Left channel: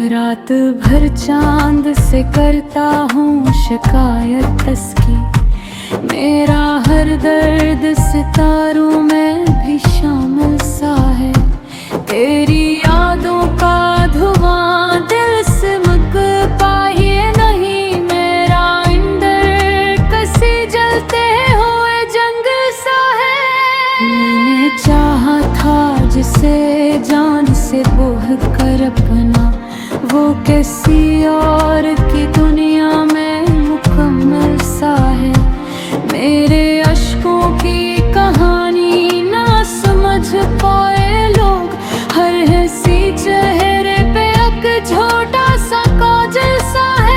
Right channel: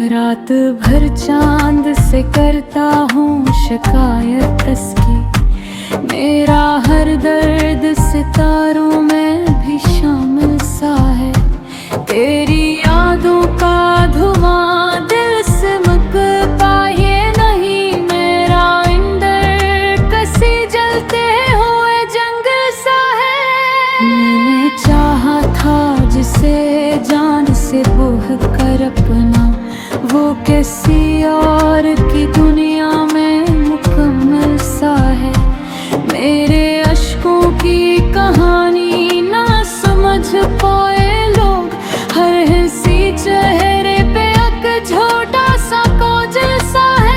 रात भर चांद से करता हूँ शिकायत उसकी, मेरा हर दर्द सितारों में भी शामिल सा है। तेरी यादों का धुआं दिल से मुझ पाए नहीं, मेरा अंदर कसी जलते हुए जंगल सा है। मैंने चाहा था जिसे जान से बोह कर अपना, वो किसी और की दुनिया में मुकम्मल सा है। मेरे अश्कों की कहानी ना समझ पाए लोग, हर हंसी चेहरे पे एक छोटा सा काजल सा है।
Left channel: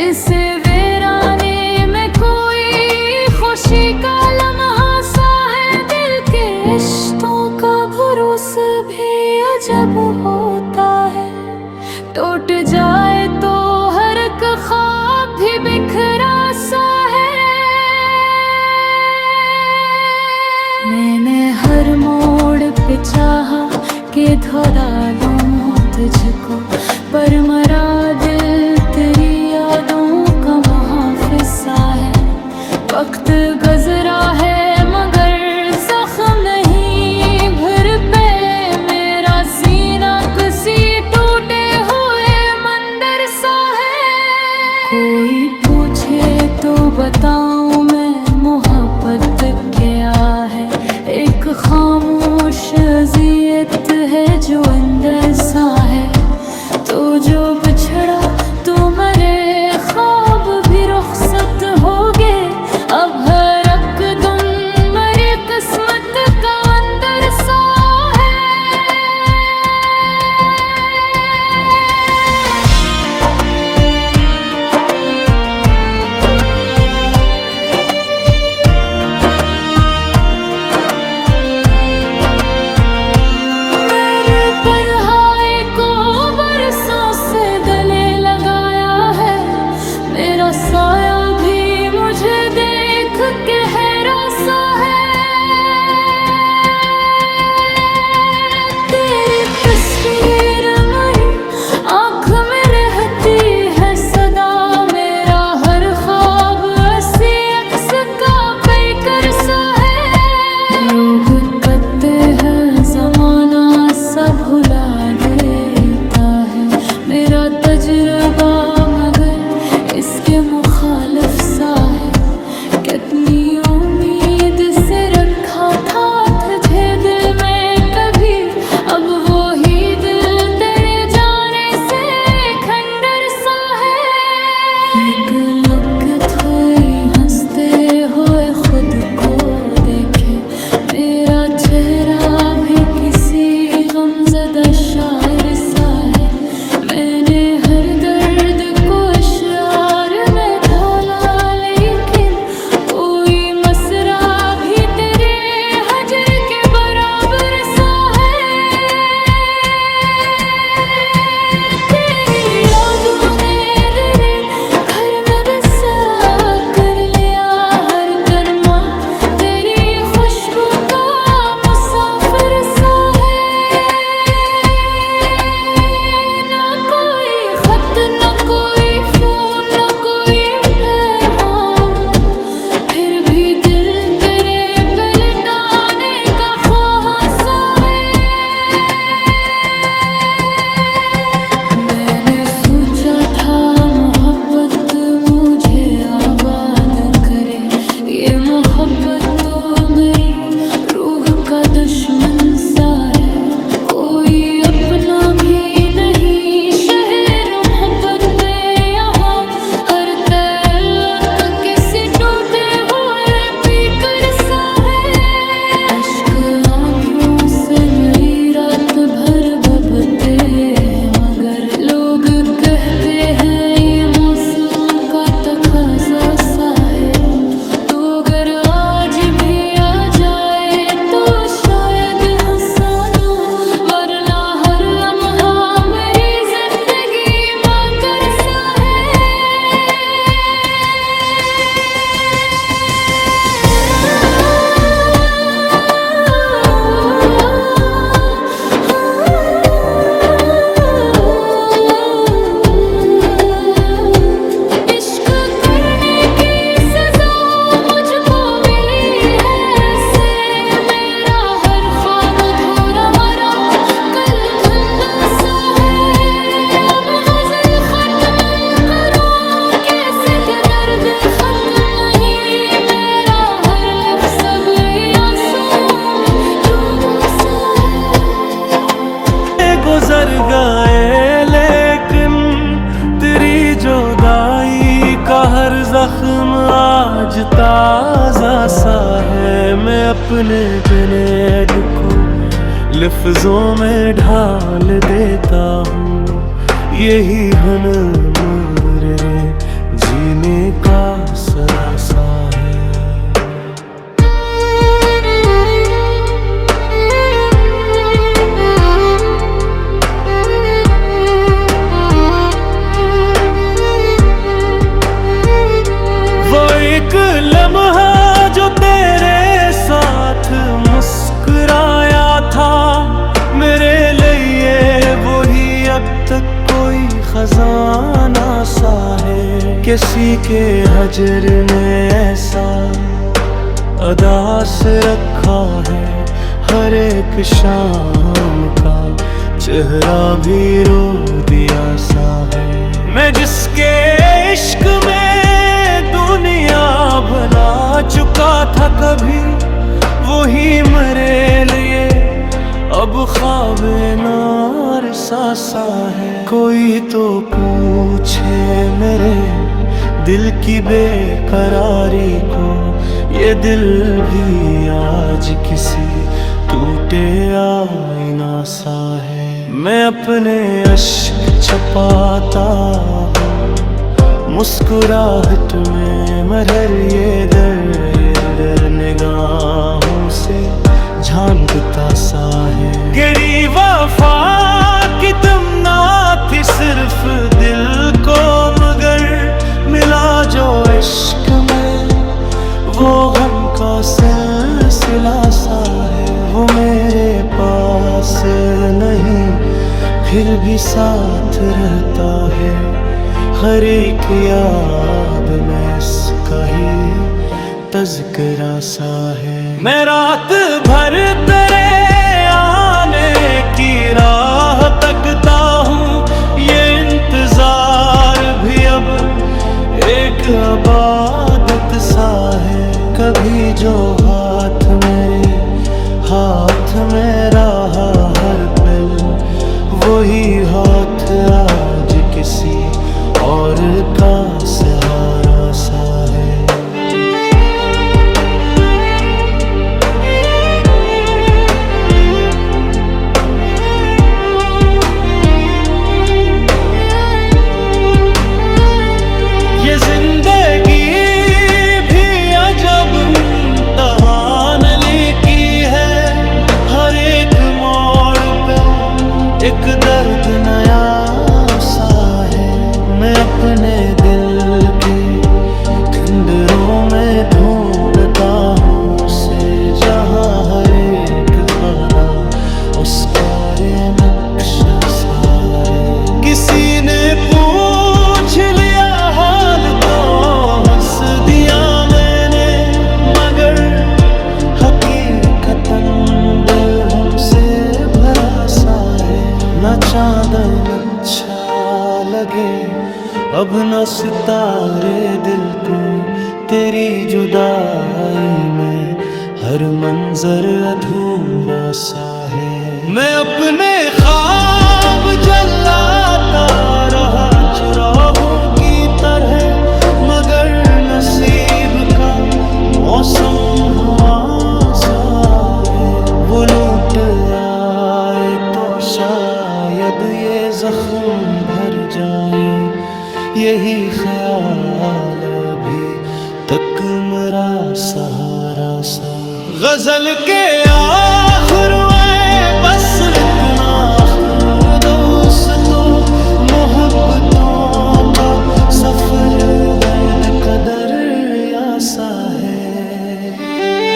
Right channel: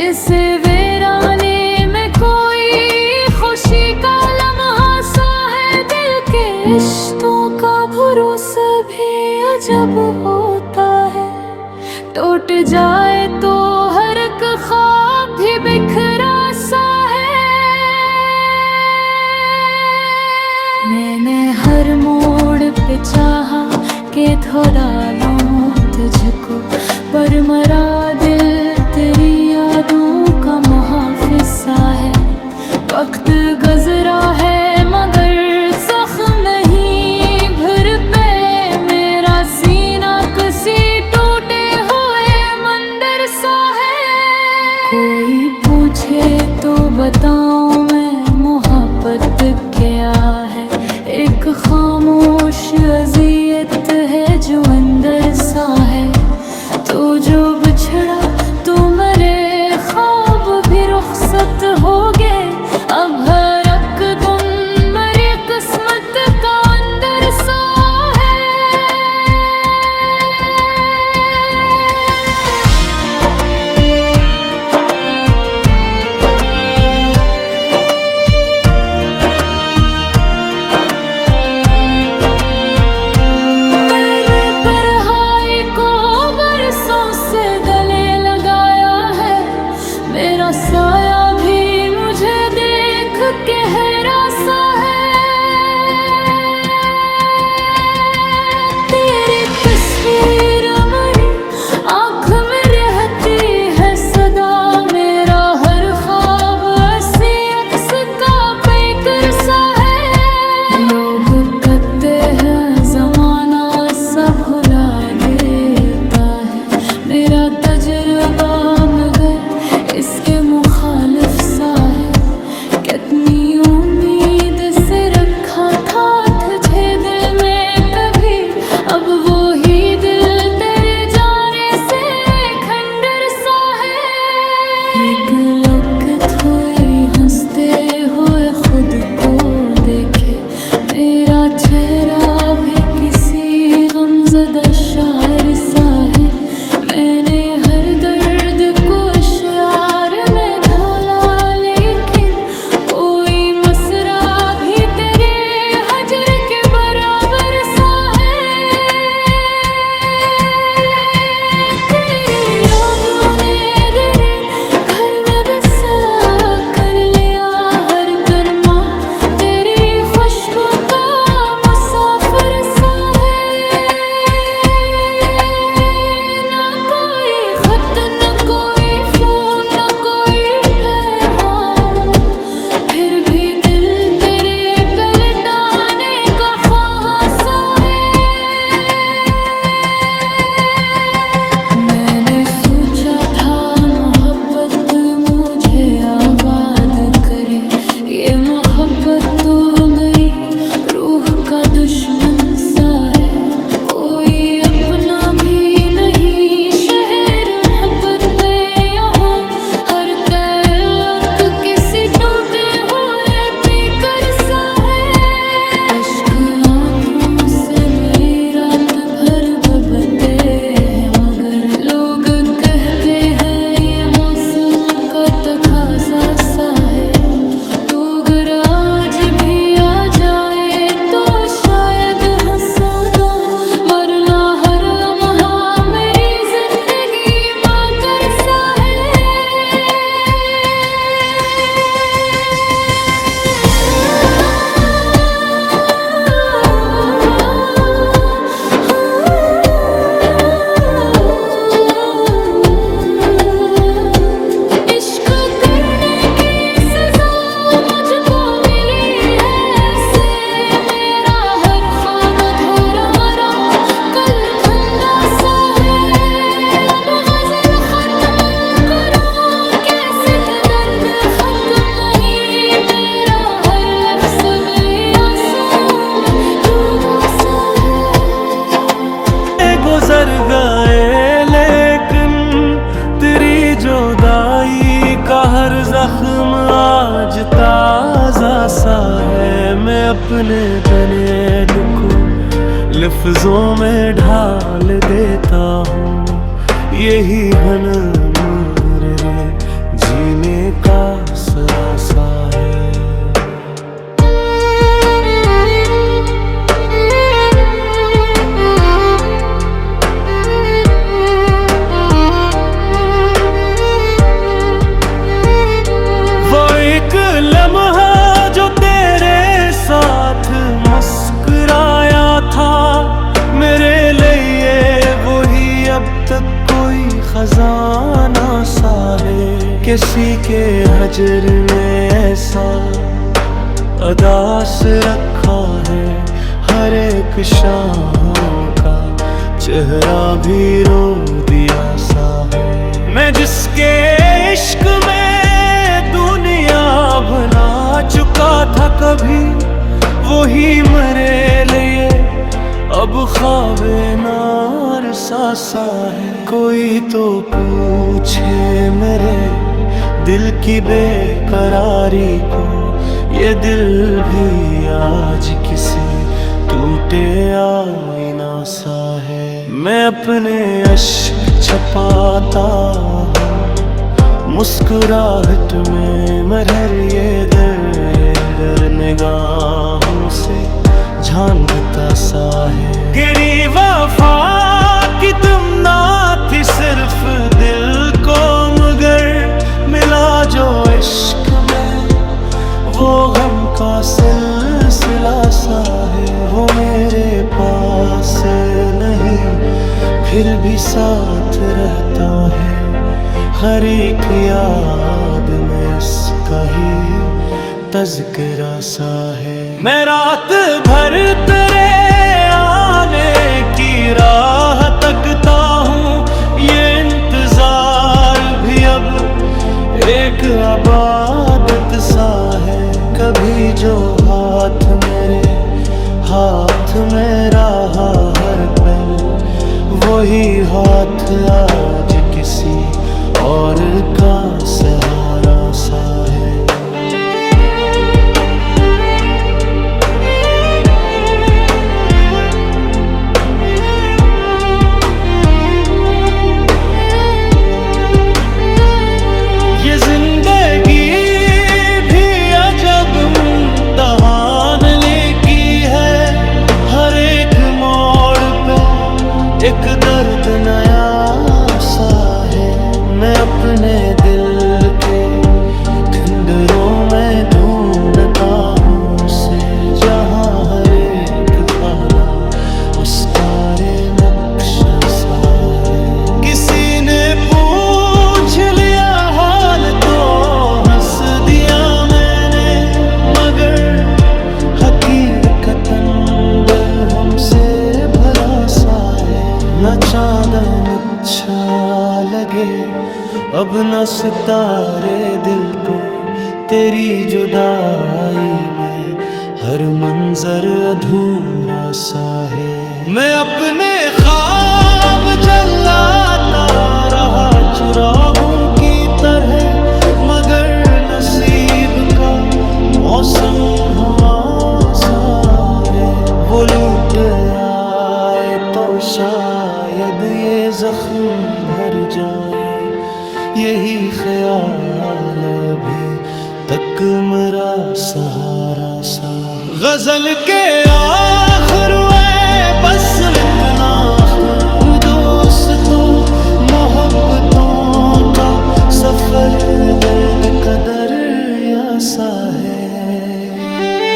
इसे वीराने में कोई खुशी का लम्हा सा है। दिल के रिश्तों का भरोसा भी अजब होता है, टूट जाए तो हर एक ख्वाब भी बिखरा सा है। मैंने हर मोड़ पे चाहा कि धो डालूं तुझको, पर मरा दिल तेरी यादों का मुहाफिज सा है। वक्त गुजरा है मगर जख्म नहीं भर पे, मेरा सीना किसी टूटे हुए मंदिर सा है। कोई पूछे तो बताऊं मैं मोहब्बत क्या है, एक खामोश अज़ियत है जो अंदर सा है। तो जो बिछड़ा तो मेरे ख्वाब भी रुखसत हो गए, अब हर एक दिन मेरी किस्मत का अंदर सा है। मेरे पढ़ाई को बरसों से गले लगाया है, मेरा साया भी मुझे देख के हैरान सा है। तेरी तस्वीर मेरी आँख में रहती है सदा, मेरा हर ख्वाब ऐसी अक्स का पैकर सा है। लोग कहते हैं जमाना सब भुला देता है, मेरा तजुर्बा मगर इसके मुखालिफ सा है। कितनी उम्मीद से रखा था तुझे दिल में कभी, अब वो ही दिल तेरे जाने से खंडर सा है। एक लुक थोड़ी हंसते हुए खुद को देखे, मेरा चेहरा भी किसी गमज़दा शायर सा है। मैंने हर दर्द को अश्यार में ढाला, लेकिन कोई मसरा भी तेरे हजर के बराबर सा है। तेरी यादों ने तेरे घर में बसा कर लिया हर कदमा, तेरी खुशबू का मुसाफिर सा है। ना कोई खत ना कोई फोन ना कोई पैगाम, फिर भी दिल तेरे पे लौटाने का ख्वाह सा है। मैंने सोचा था मोहब्बत मुझे आबाद करे, ये मोहब्बत तो मेरी रूह का दुश्मन सा है। कोई अपना भी नहीं शहर मोहब्बत में, यहाँ हर तलक किसी टूटे हुए पीकर सा है। अश्क आँखों से मेरी रात भर बबते हैं, मगर लोग कहते हैं ये मौसम का तकाज़ा सा है। तो अगर आज भी आ जाए बस यादों, वरना हर लम्हा मेरी जिंदगी माँ कर सा है। इश्क करने की सजा मुझको मिली है ऐसे, मेरा हर ख्वाब धूरा मरा कल धुंधा सा है। अब गजल खत्म करूं कैसे के दर्द खत्म नहीं, मेरा हर लफ्ज़ सब आंसुओं में डूबा सा है। गुजर गए लेकिन तेरी जुदाई का हर जख्म आज ताजा सा है। मैं अपने बेनेट को लफ्जों में ढाल देता हूँ, यही हनमरे जीने का सरासा है। एक लम्हा जो तेरे साथ मुस्कुराया था मेरे लिए, वही अब तक कोई खजाना सा है। किसी के हजर ने ऐसा अदास रखा है, हर एक शाम का चेहरा भी रो दिया सा है। मैं जिसके इश्क में दुनिया भुला चुका था कभी, वही मेरे लिए अब ख्वाबे नार सा है। कोई तो पूछे मेरे दिल की बेकरारी को, ये दिल भी आज किसी टूटे आईना सा है। मैं अपने अश्क छपाता हूँ मुस्कुराहट में, मगर ये दर निगाहों से झांकता सा है। गिरी वफा की तुम ना थी सिर्फ दिल को, मगर मिला जो इश्क में वो गम का सिलसिला सा है। वो मेरे पास नहीं फिर भी साथ रहता है, हर एक याद में इसका ही तज़किरा सा है। मैं रात भर तेरे आने की राह तकता हूँ, ये इंतजार भी अब एक इबादत सा है। कभी जो हाथ मेरे हाथ में रहा हर पल, वही हाथ आज किसी और का सहारा सा है। ये जिंदगी भी अजब इम्तिहान लेकी है, हर एक मोड़ पे एक दर्द नया सा है। मैं अपने दिल के खंडरों में ढूंढता हूँ उसे, जहाँ हर एक खाना उसका रे नक्शा सा है। किसी ने पूछ लिया हाल तो हंस दिया मैंने, मगर हकीकतन दिल हमसे भरा सा है। न चांदन अच्छा लगे अब न सितारे दिल को, तेरी जुदाई में हर मंजर अधूरा सा है। मैं अपने ख्वाब जलाता रहा चुराहों की तरह, मगर नसीब का मौसम हुआ सागे। वो लूट आए तो शायद ये जख्म भर जाए, यही ख्याल अभी तक मेरा सहारा सा। गजल के आखिर मंजिल इतना दोस्तों मोहब्बतों का सफर दर्द का दरिया सा है।